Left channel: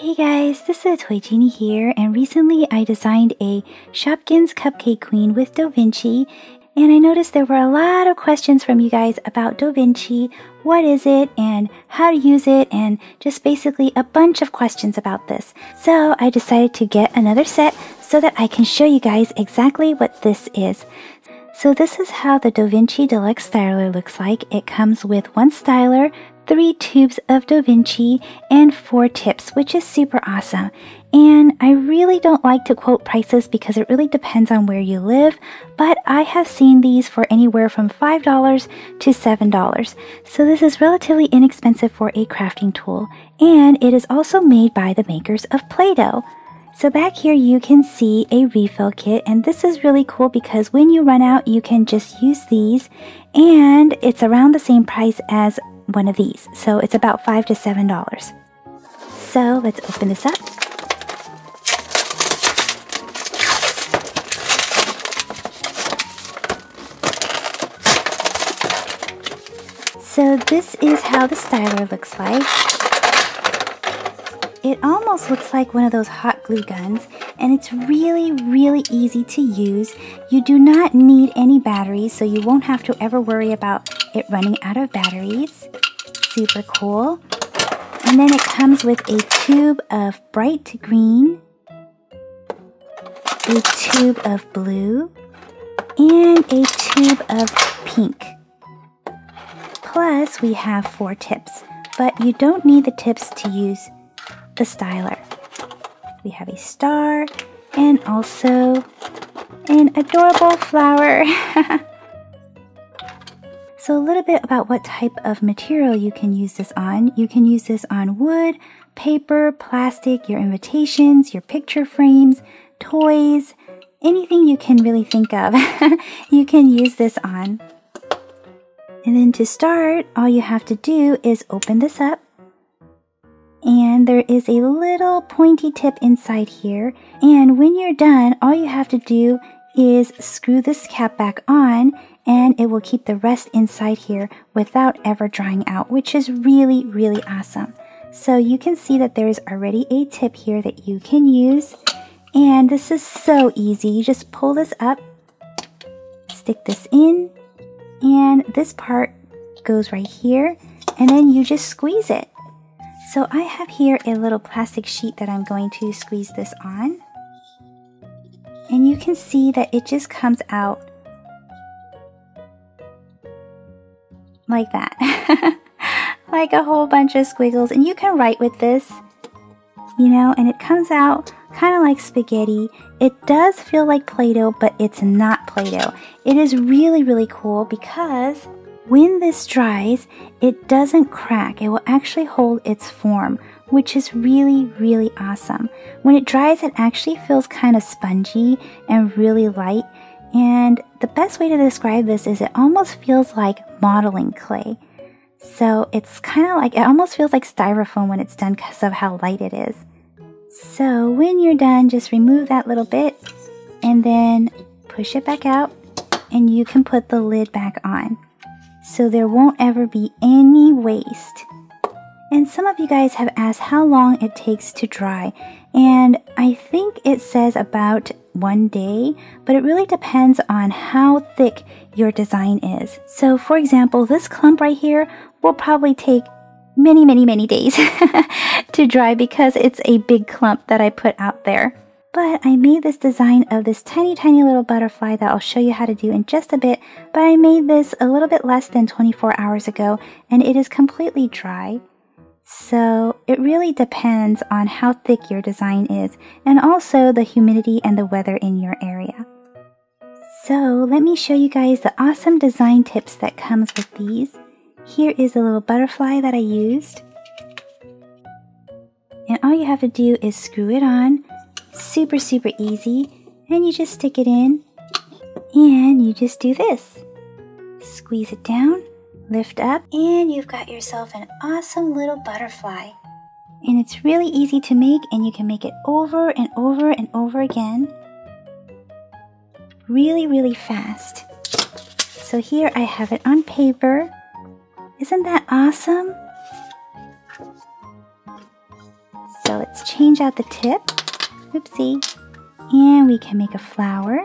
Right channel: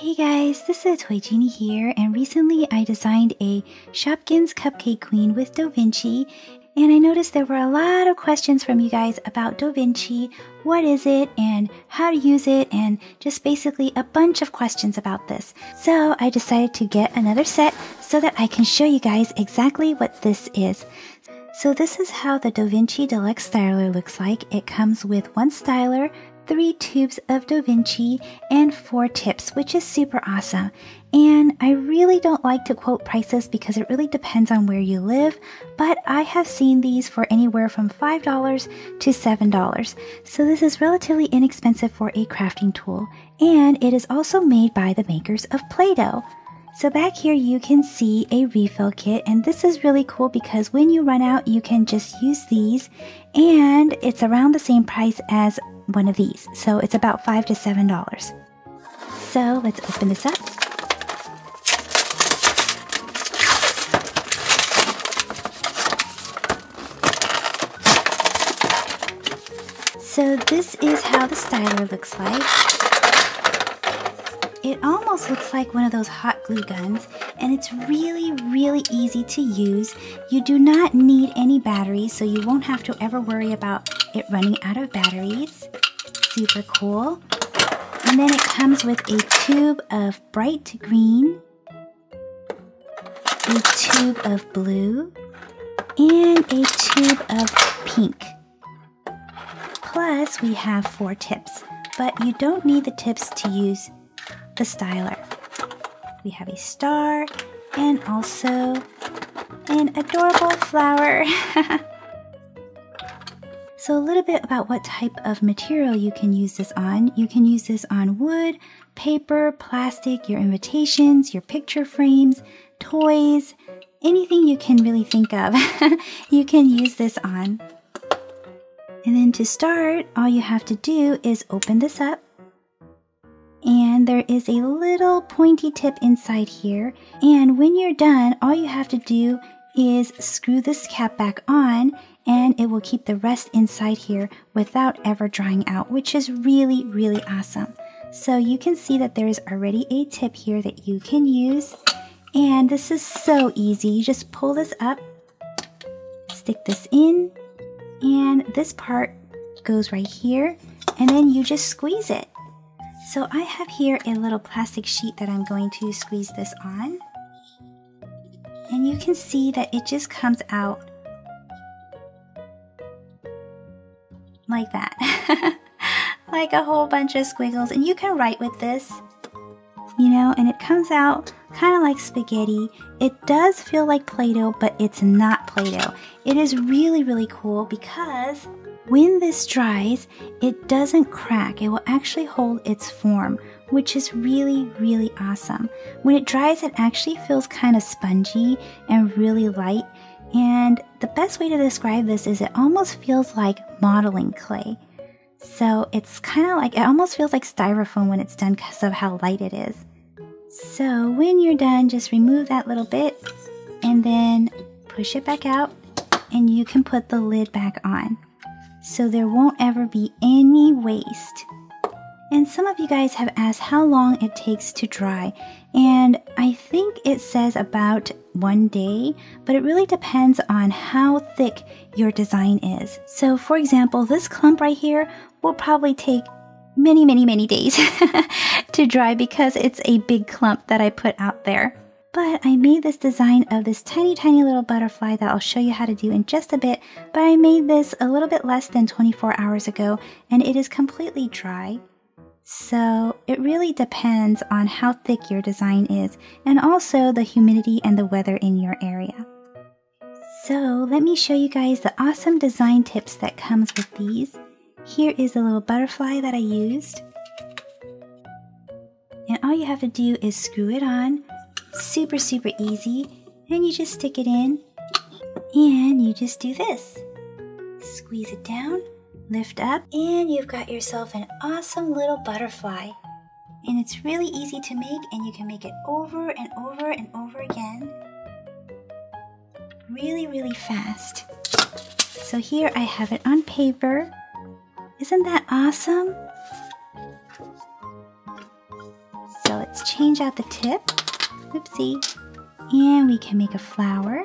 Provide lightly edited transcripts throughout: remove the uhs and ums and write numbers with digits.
Hey guys, this is Toy Genie here, and recently I designed a Shopkins cupcake queen with Doh Vinci, and I noticed there were a lot of questions from you guys about Doh Vinci, what is it, and how to use it, and just basically a bunch of questions about this. So I decided to get another set so that I can show you guys exactly what this is. So this is how the Doh Vinci Deluxe Styler looks like. It comes with one styler, 3 tubes of Doh Vinci, and 4 tips, which is super awesome. And I really don't like to quote prices because it really depends on where you live, but I have seen these for anywhere from $5 to $7. So this is relatively inexpensive for a crafting tool, and it is also made by the makers of Play-Doh. So back here you can see a refill kit, and this is really cool because when you run out you can just use these, and it's around the same price as one of these. So it's about $5 to $7. So let's open this up. So this is how the styler looks like. It almost looks like one of those hot glue guns, and it's really easy to use. You do not need any batteries, so you won't have to ever worry about it running out of batteries. Super cool. And then it comes with a tube of bright green, a tube of blue, and a tube of pink. Plus we have 4 tips, but you don't need the tips to use the styler. We have a star and also an adorable flower. So a little bit about what type of material you can use this on. You can use this on wood, paper, plastic, your invitations, your picture frames, toys, anything you can really think of. You can use this on. And then to start, all you have to do is open this up. And there is a little pointy tip inside here, and when you're done all you have to do is screw this cap back on, and it will keep the rest inside here without ever drying out, which is really awesome. So you can see that there is already a tip here that you can use, and this is so easy. You just pull this up, stick this in, and this part goes right here, and then you just squeeze it. So I have here a little plastic sheet that I'm going to squeeze this on. And you can see that it just comes out like that. Like a whole bunch of squiggles. And you can write with this, you know, and it comes out kind of like spaghetti. It does feel like Play-Doh, but it's not Play-Doh. It is really cool because when this dries, it doesn't crack. It will actually hold its form, which is really awesome. When it dries, it actually feels kind of spongy and really light. And the best way to describe this is it almost feels like modeling clay. So it's kind of like, it almost feels like styrofoam when it's done because of how light it is. So when you're done, just remove that little bit and then push it back out, and you can put the lid back on. So there won't ever be any waste. And some of you guys have asked how long it takes to dry, and I think it says about 1 day, but it really depends on how thick your design is. So for example, this clump right here will probably take many days to dry because it's a big clump that I put out there. But I made this design of this tiny little butterfly that I'll show you how to do in just a bit, but I made this a little bit less than 24 hours ago, and it is completely dry. So it really depends on how thick your design is, and also the humidity and the weather in your area. So let me show you guys the awesome design tips that comes with these. Here is the little butterfly that I used. And all you have to do is screw it on. Super easy, and you just stick it in, and you just do this. Squeeze it down, lift up, and you've got yourself an awesome little butterfly. And it's really easy to make, and you can make it over and over again. Really fast. So here I have it on paper. Isn't that awesome? So let's change out the tip. Oopsie. And we can make a flower.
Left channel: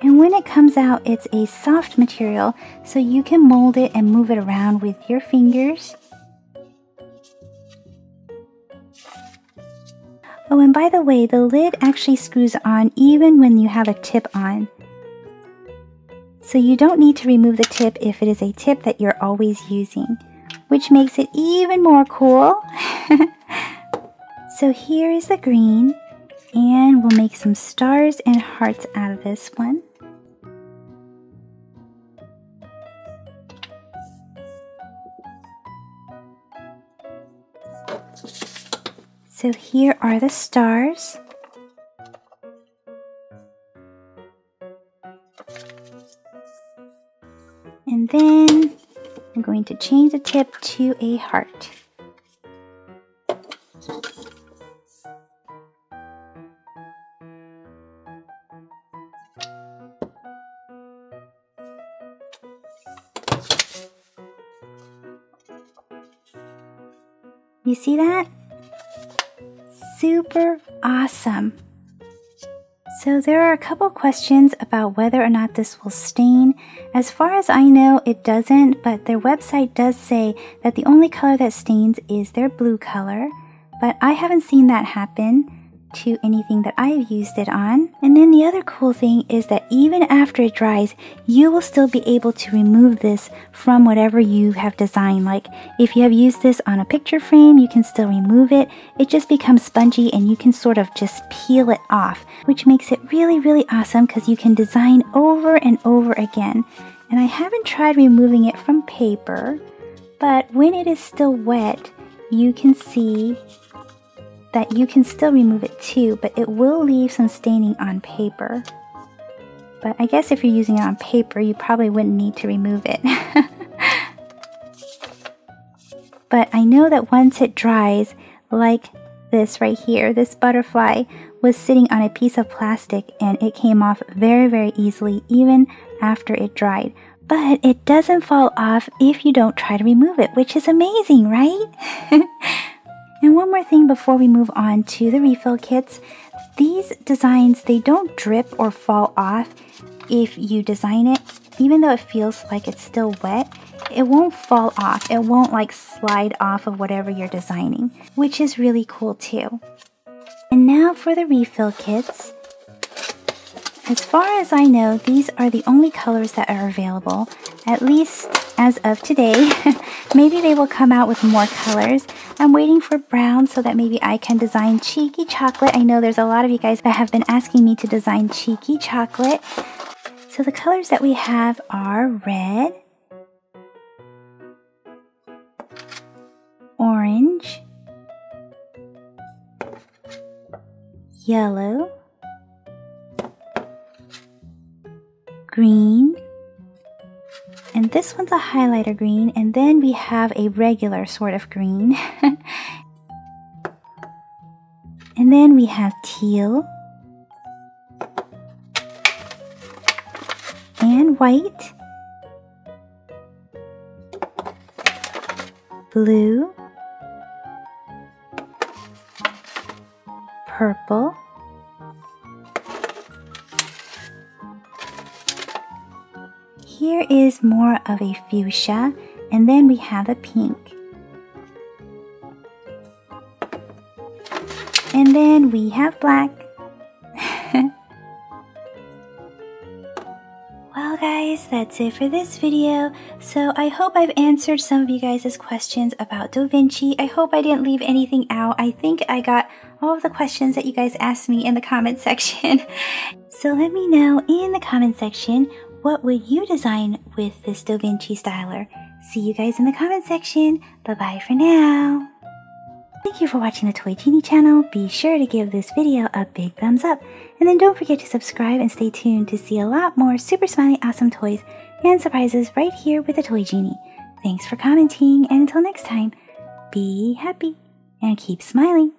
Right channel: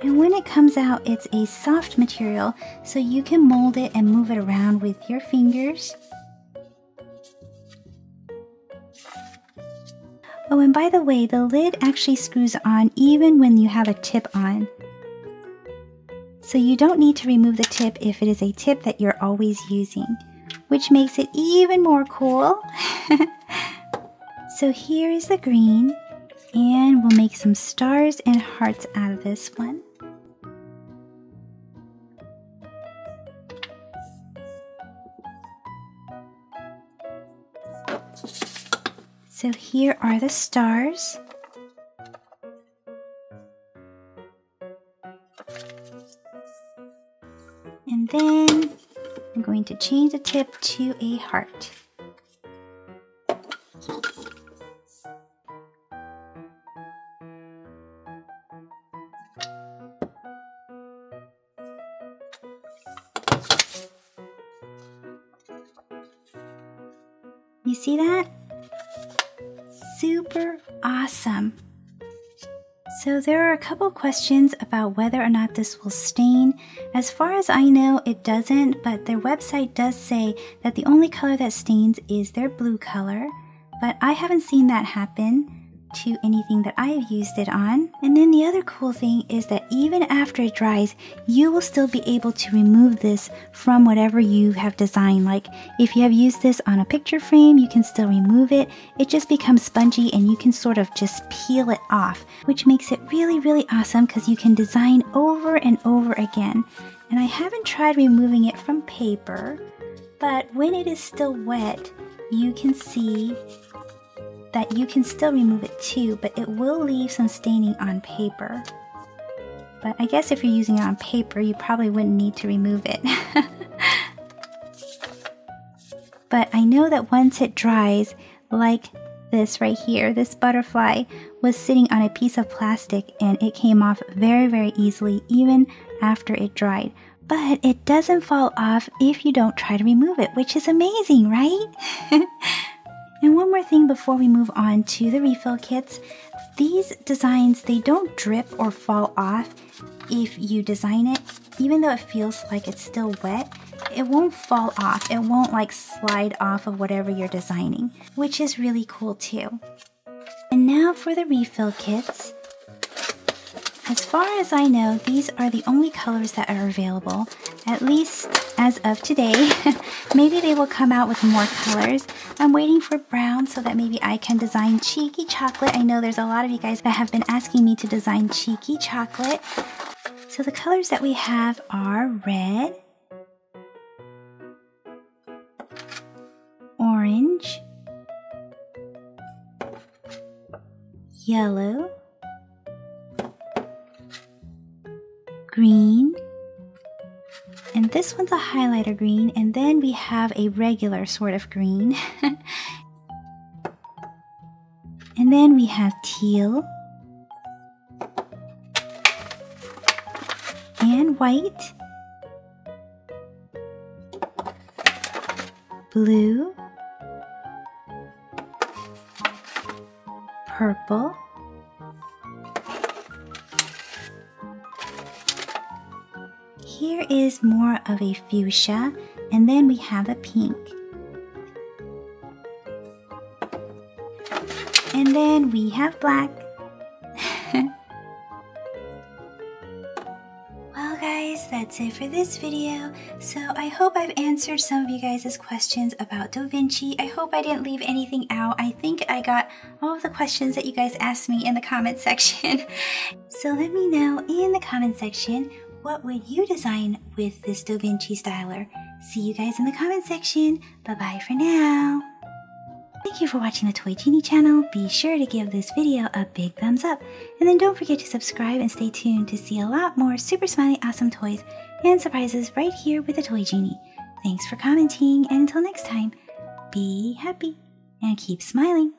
And when it comes out, it's a soft material, so you can mold it and move it around with your fingers. Oh, and by the way, the lid actually screws on even when you have a tip on. So you don't need to remove the tip if it is a tip that you're always using, which makes it even more cool. So here is the green, and we'll make some stars and hearts out of this one. So here are the stars. And then I'm going to change the tip to a heart. You see that? Super awesome. So there are a couple questions about whether or not this will stain. As far as I know, it doesn't, but their website does say that the only color that stains is their blue color, but I haven't seen that happen to anything that I've used it on. And then the other cool thing is that even after it dries, you will still be able to remove this from whatever you have designed. Like if you have used this on a picture frame, you can still remove it. It just becomes spongy and you can sort of just peel it off, which makes it really, really awesome because you can design over and over again. And I haven't tried removing it from paper, but when it is still wet, you can see that you can still remove it too, but it will leave some staining on paper. But I guess if you're using it on paper, you probably wouldn't need to remove it. But I know that once it dries, like this right here, this butterfly was sitting on a piece of plastic and it came off very, very easily even after it dried. But it doesn't fall off if you don't try to remove it, which is amazing, right? And one more thing before we move on to the refill kits. These designs, they don't drip or fall off if you design it. Even though it feels like it's still wet, it won't fall off. It won't like slide off of whatever you're designing, which is really cool too. And now for the refill kits. As far as I know, these are the only colors that are available, at least as of today. Maybe they will come out with more colors. I'm waiting for brown so that maybe I can design cheeky chocolate. I know there's a lot of you guys that have been asking me to design cheeky chocolate. So the colors that we have are red, orange, yellow, green, and this one's a highlighter green, and then we have a regular sort of green. And then we have teal and white, blue, purple, here is more of a fuchsia, and then we have a pink. And then we have black. Well guys, that's it for this video. So I hope I've answered some of you guys' questions about DohVinci. I hope I didn't leave anything out. I think I got all of the questions that you guys asked me in the comment section. So let me know in the comment section, what would you design with this DohVinci styler? See you guys in the comment section. Bye-bye for now. Thank you for watching the Toy Genie channel. Be sure to give this video a big thumbs up. And then don't forget to subscribe and stay tuned to see a lot more super smiley awesome toys and surprises right here with the Toy Genie. Thanks for commenting, and until next time, be happy and keep smiling.